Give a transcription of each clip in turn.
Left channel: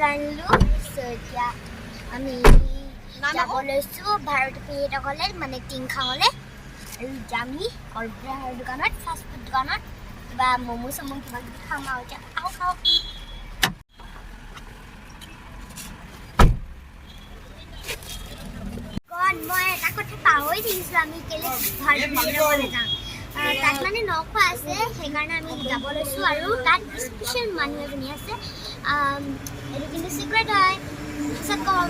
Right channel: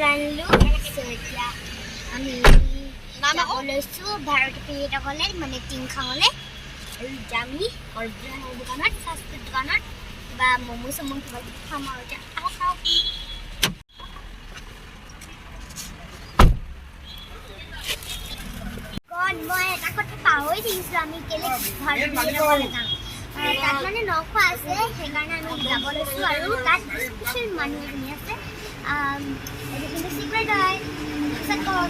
জানিলোঁ এতিয়া আমি যাব লৈছোঁ ভাৰতী পৰ্যটকলৈ মানে টিংখাঙলৈ আৰু যামি অৰ্ডাৰ দোকানত ফাষ্ট ফুড দোকানত কিবা ম'ম' চম' কিবা কিবি খাম আৰু এতিয়া খাওঁ মই এটা কথা পাহৰি থাকিছিলোঁ আমি কেলৈ ভাৰতী পৰ্যটকলৈ যাওঁ তাত মানে নখোৱা আছে সেইকাৰণে আমি যাব লৈছোঁ আৰু তাত স্পেচিয়েল মানুহ এজনী আছে এইটো কিন্তু চিক্ৰেট হয় পিছত কওঁ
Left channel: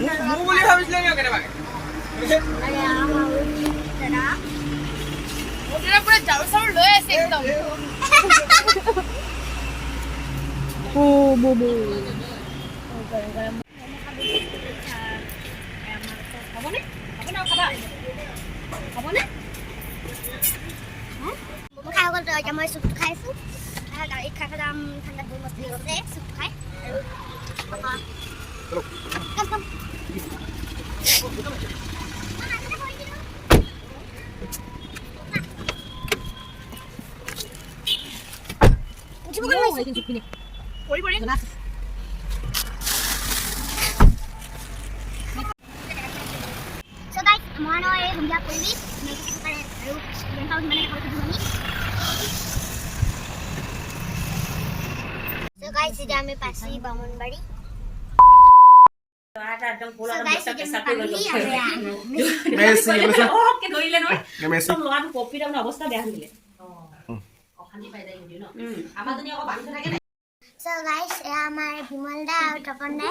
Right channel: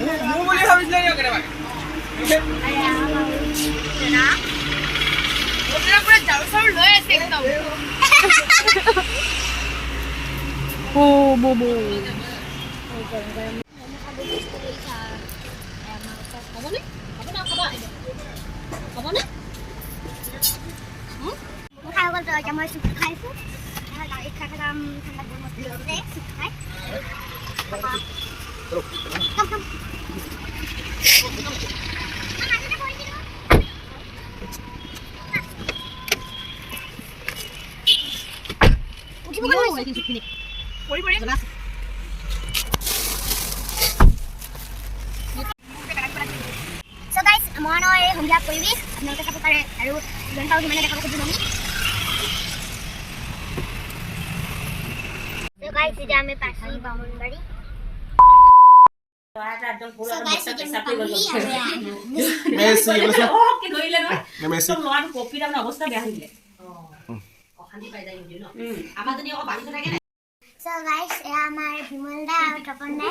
মই চুপ খাইছোঁ গাড়ীত খাই খাম ঠাণ্ডা গৰম আছে চুপ খাই মৰাণৰ এই সন্ধিয়া পৰিৱেশ আপোনালোকে চাব পাৰে আৰু যিমান পাৰোঁ সিমানে দেখা পাইছোঁ আমি guys, ini kami pasti bangun bari. So guys, ya আমার বিমলদা আর তপনদা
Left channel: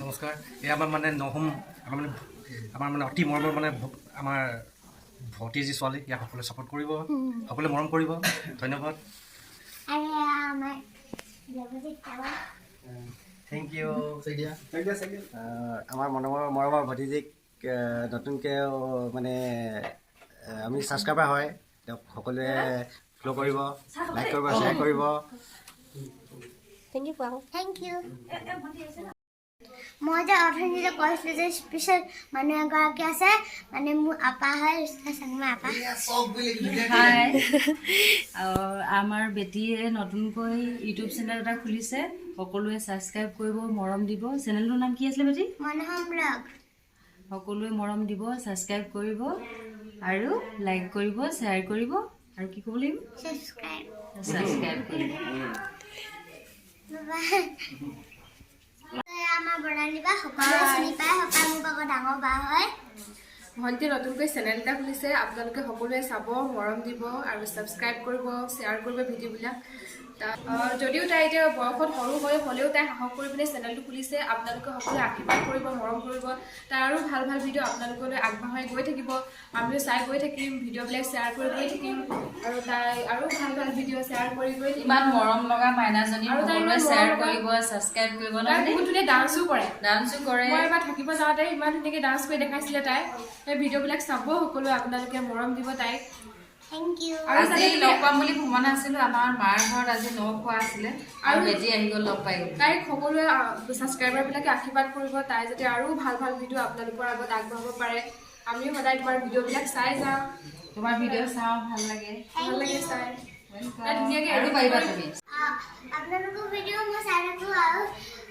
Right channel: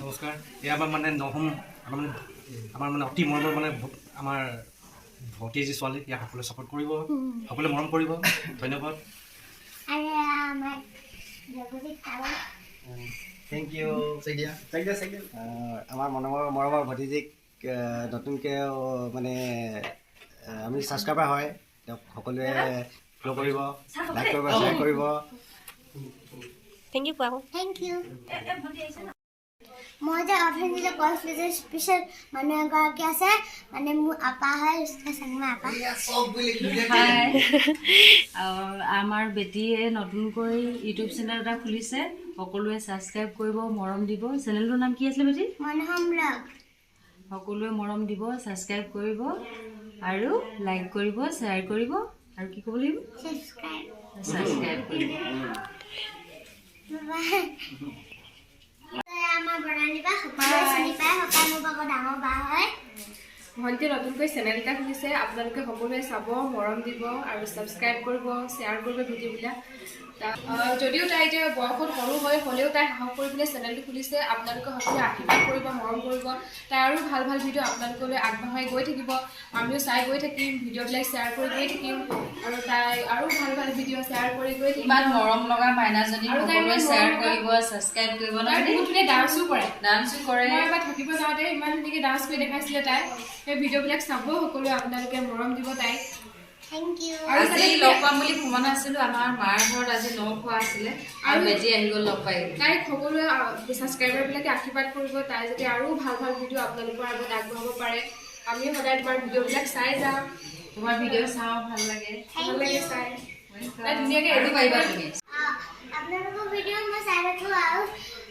নমস্কাৰ এই আমাৰ মানে নহম আমাৰ মানে অতি মৰমৰ মানে আমাৰ ভতিজী ছোৱালী ইয়াক সকলোৱে ছাপোৰ্ট কৰিব সকলোৱে মৰম কৰিব ধন্যবাদ থেংক ইউ আমাৰ মৰমৰ ভতিজীক নতুনকৈ মানে আমি ছাবস্ক্ৰাইবাৰ হয় তেওঁক সকলোৱে ফ'ল' কৰিব লাইক কৰিব শ্বেয়াৰ কৰিব থেংক ইউ মই যে অৰ্থনীতি কৈছিলোঁ যে স্পেচিয়েল মানুহ এগৰাকী আছে মানে মোৰ আপা হয় আপা আমাৰ বেটীয়ে নতুনকৈ ইউটিউব চেনেল এটা খুলিছে সকলোৱে ছাবস্ক্ৰাইব কৰিব মৰম দিব চেনেলটোৰ নাম কি আছিলে বেটী মনহম ব্লগ সকলোৱে মৰম দিব ছাবস্ক্ৰাইব কৰিব আৰু লাইক কৰিব শ্বেয়াৰ কৰিব আৰু কি ক'ব লাগিব ছাবস্ক্ৰাইব কৰিব ভণ্টি নতুনকৈ চেনেল এটা খুলিছে আপোনালোকে সকলোৱে চাব মৰম দিব আৰু ছাবস্ক্ৰাইব কৰিব শ্বেয়াৰ কৰিব ভিডিঅ'বিলাক যদিও তাই এতিয়া বয়সত সৰু হয় হ'লেও তাই সাহস কৰি পিনে চেনেলটো খুলিছে আপোনালোকে সকলোৱে আশীৰ্বাদ কৰিব মৰম কৰিব তাই আৰু ভাল ভাল ভিডিঅ' আপোনালোকলৈ আগবঢ়াই গৈ থাকিব আমিও চাই গৈ থাকিম ভিডিঅ'বিলাক শ্বেয়াৰ কৰি গৈ থাকিম আৰু তাই আৰু ভাল ভাল ভিডিঅ' শ্বেয়াৰ কৰি গৈ থাকিম ইমান মৰম লগা মাইনাজনী আৰু সকলোৱে শ্বেয়াৰ কৰিব ছাবস্ক্ৰাইব কৰিব তাই বহুত ধুনীয়া ডান্সো কৰে মই এবাৰ থাকিব যাওঁতে ইমান ধুনীয়াকৈ ডান্স কৰি দেখাইছিলে তাই সেই ভিডিঅ'বিলাক চাব সকলোৱে আপোনালোকে মৰম দিব তাইক থেংক ইউ আৰু আজি লগ পাম বুলি ভ্ৰমণ আছিলোঁ আমাৰ মাৰ ঘৰত আজি খোৱা আছিলে আৰু বেজী আহি গ'ল লগ পাই তাইক সকলোৱে ছাবস্ক্ৰাইবাৰবিলাকে আশীৰ্বাদ কৰিব তাই যাতে আৰু ভাল ভাল ভিডিঅ' আপোনালোকৰ আগত আগবঢ়াব পাৰে আমিও সদায় তোমাৰ ভিডিঅ'বিলাক চাই যাওঁ তোমাৰ ভিডিঅ' চাওঁ ভাল লাগে চাই তাই ধুনীয়াকৈ এডিট পাৰিবা তুমি আপোনালোকৰ ভিডিঅ' মই চাই থাকোঁ আৰু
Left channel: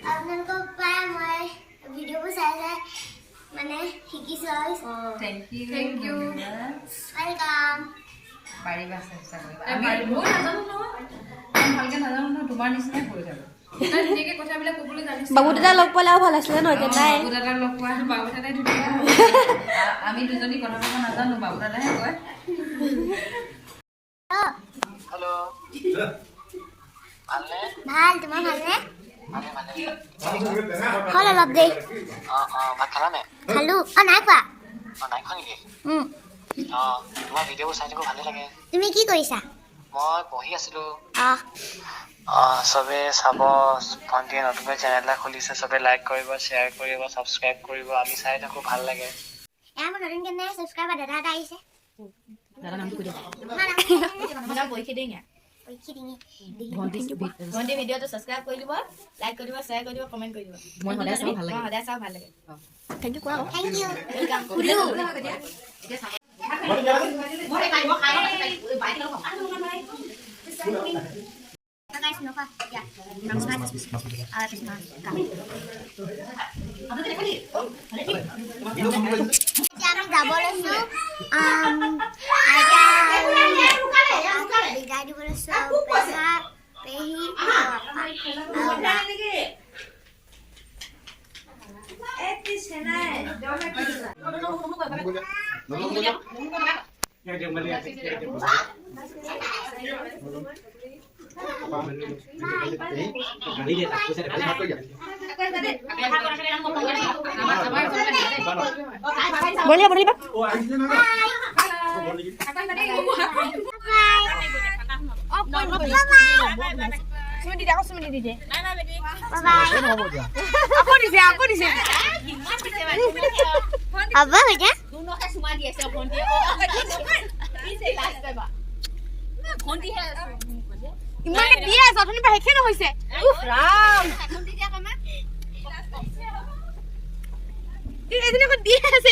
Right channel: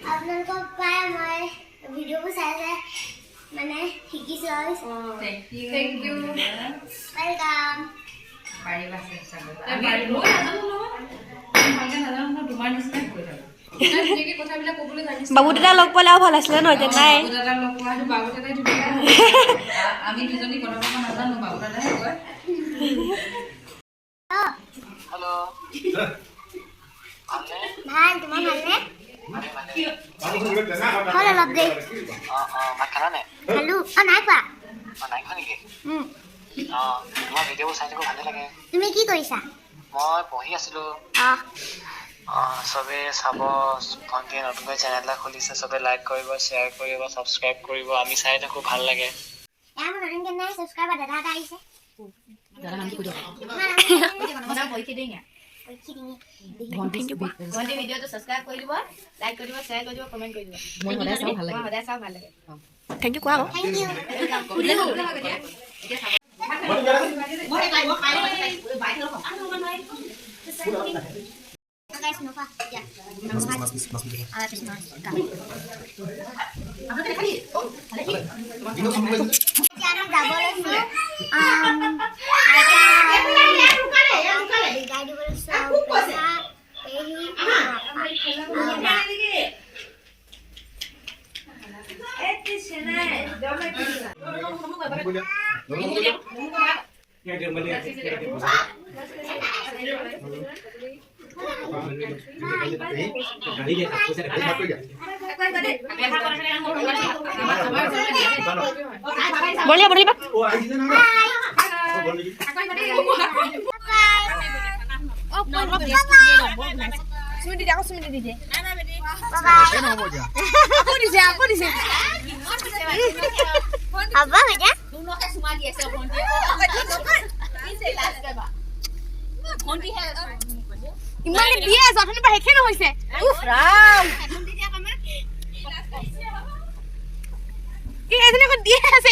আপোনালোকৰ পৰাই মই ভিডিঅ'বোৰ চাই মানে শিকিছোঁ আৰু থেংক ইউ ৱেলকাম পাৰিবা ভালকৈ নাজানো নহয় তোমাৰ নিচিনাই কৰি থাকোঁ ধুনীয়াকৈ কথাবিলাক ক'বলৈ জানিছোঁ বাবু দাদা লগ পালে আৰু ভাল আছিলে ন এতিয়া নাই বাবু দাদা লগ পোৱা বাবু দাদাই ধুনীয়া আমি দুজনী কথা ক'ব নাজানো বাবু দাদাহে কয় ভাল তোমাৰ ভালনে হ'ল অলপ দেই ভাত খালা নে খালোঁ নাই খোৱা নাই খোৱা নেকি তোমাৰ ভিডিঅ'বোৰ চাই থাকোঁ ভালে লাগে তুমি কি কৰিছা মই পঢ়ি আছিলোঁ চবে চাব ভণ্টিয়ে নতুনকৈ চেনেল এটা খুলিছে চবে লাইক কৰিব শ্বেয়াৰ কৰিব ছাবস্ক্ৰাইব কৰিব আমি চাই থাকোঁ ভাল লাগে মোৰ নতুনকৈ নাই ছাবস্ক্ৰাইবাৰ দাদা এটা আহিছে ভণ্টি ভিডিঅ'টো ছাবস্ক্ৰাইব কৰি দিব লাইক কৰি দিব শ্বেয়াৰ কৰি দিব কমেণ্ট কৰি দিব মই সদায় চাওঁ ভাল লাগে থেংক ইউ কোৱা thank you guys, Nova. Ya. Habis makan. Jangan double itu. Ada double itu pesa, pehi. Boleh Pak? Apa aja? ইমানে দিয়ে আছে আপুনি পৰা হেখে নহৈছে উফ ৰাম কি এজনে কো দিয়ে আছে